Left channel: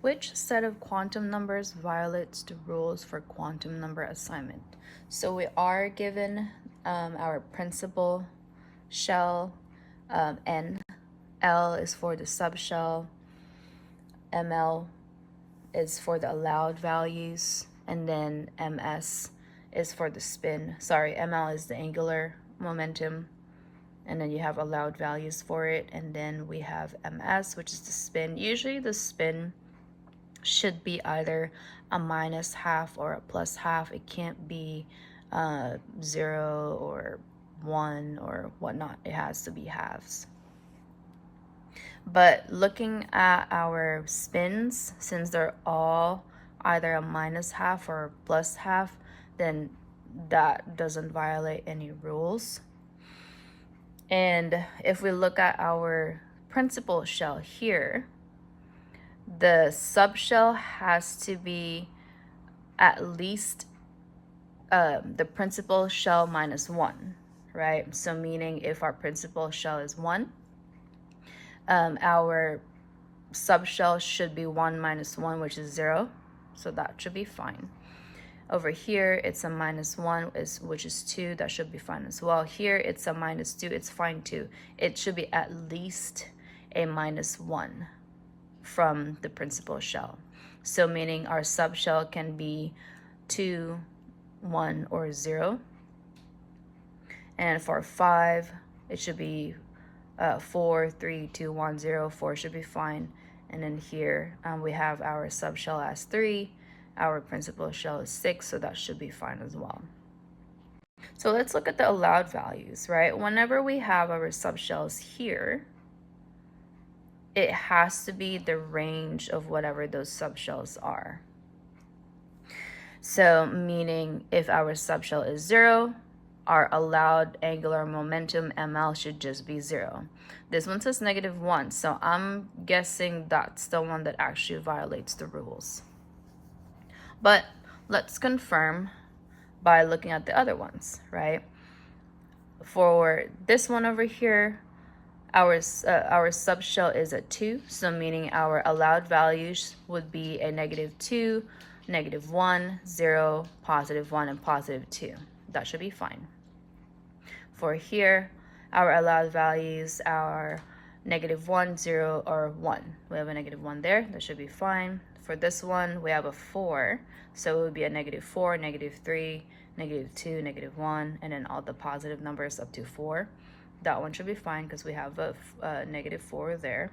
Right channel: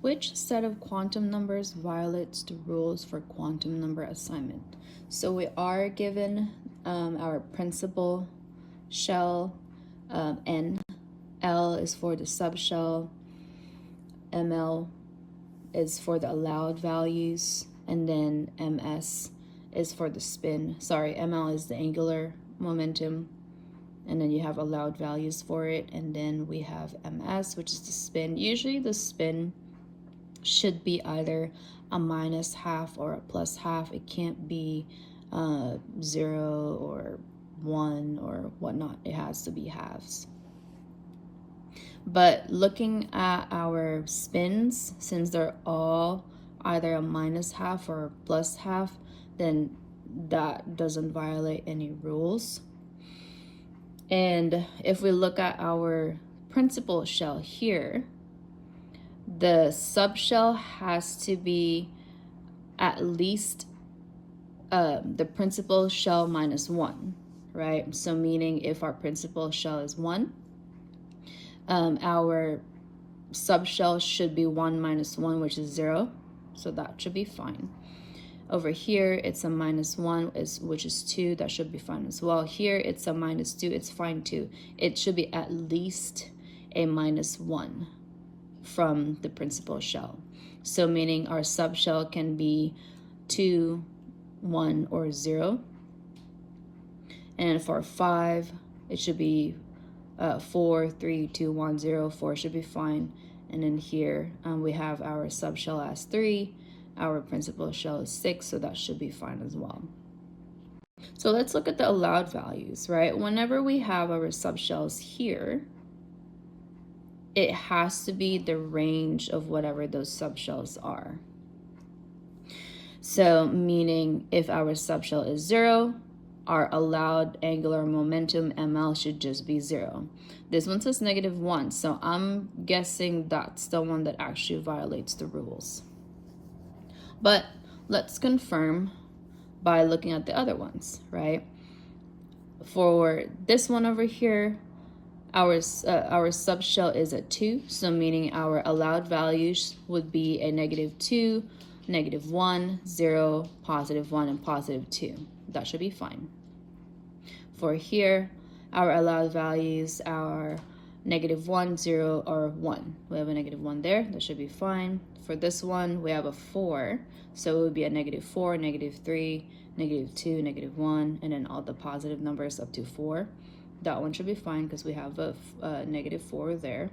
Which set of quantum numbers violates the rules for quantum number assignment? So we are given our principal shell, N. L is for the subshell, ML is for the allowed values, and then MS is for the spin. Sorry, ML is the angular momentum, and then you have allowed values for it, and then we have MS, which is the spin. Usually the spin should be either a minus half or a plus half. It can't be 0 or 1 or whatnot. It has to be halves. But looking at our spins, since they're all either a minus half or a plus half, then that doesn't violate any rules. And if we look at our principal shell here, the subshell has to be at least the principal shell minus 1, right? So meaning if our principal shell is 1, our subshell should be 1 minus 1, which is 0. So that should be fine. Over here, it's a minus 1, which is 2. That should be fine as well. Here, it's a minus 2. It's fine too. It should be at least a minus 1 from the principal shell. So meaning our subshell can be 2, 1, or 0. And for 5, it should be 4, 3, 2, 1, 0. 4 should be fine. And then here we have our subshell as 3. Our principal shell is 6, so that should be fine as well. So let's look at the allowed values, right? Whenever we have our subshells here, it has to be the range of whatever those subshells are. So meaning if our subshell is 0, our allowed angular momentum ML should just be 0. This one says -1, so I'm guessing that's the one that actually violates the rules. But let's confirm by looking at the other ones, right? For this one over here, our subshell is a 2, so meaning our allowed values would be a -2, -1, 0, +1, and +2. That should be fine. For here, our allowed values are -1, 0, or 1. We have a -1 there. That should be fine. For this one, we have a 4, so it would be a -4, -3, -2, -1, and then all the positive numbers up to 4. That one should be fine because we have a -4 there.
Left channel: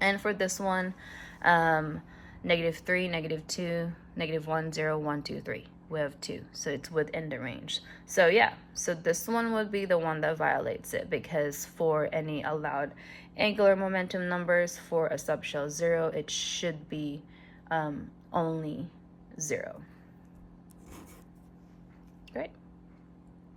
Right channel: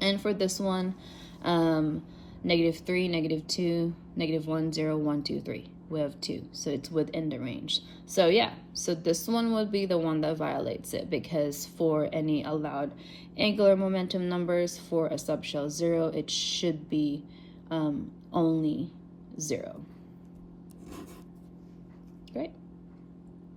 And for this one, -3, -2, -1, 0, 1, 2, 3. We have 2, so it's within the range. So yeah, so this one would be the one that violates it, because for any allowed angular momentum numbers for a subshell 0, it should be only 0. Great.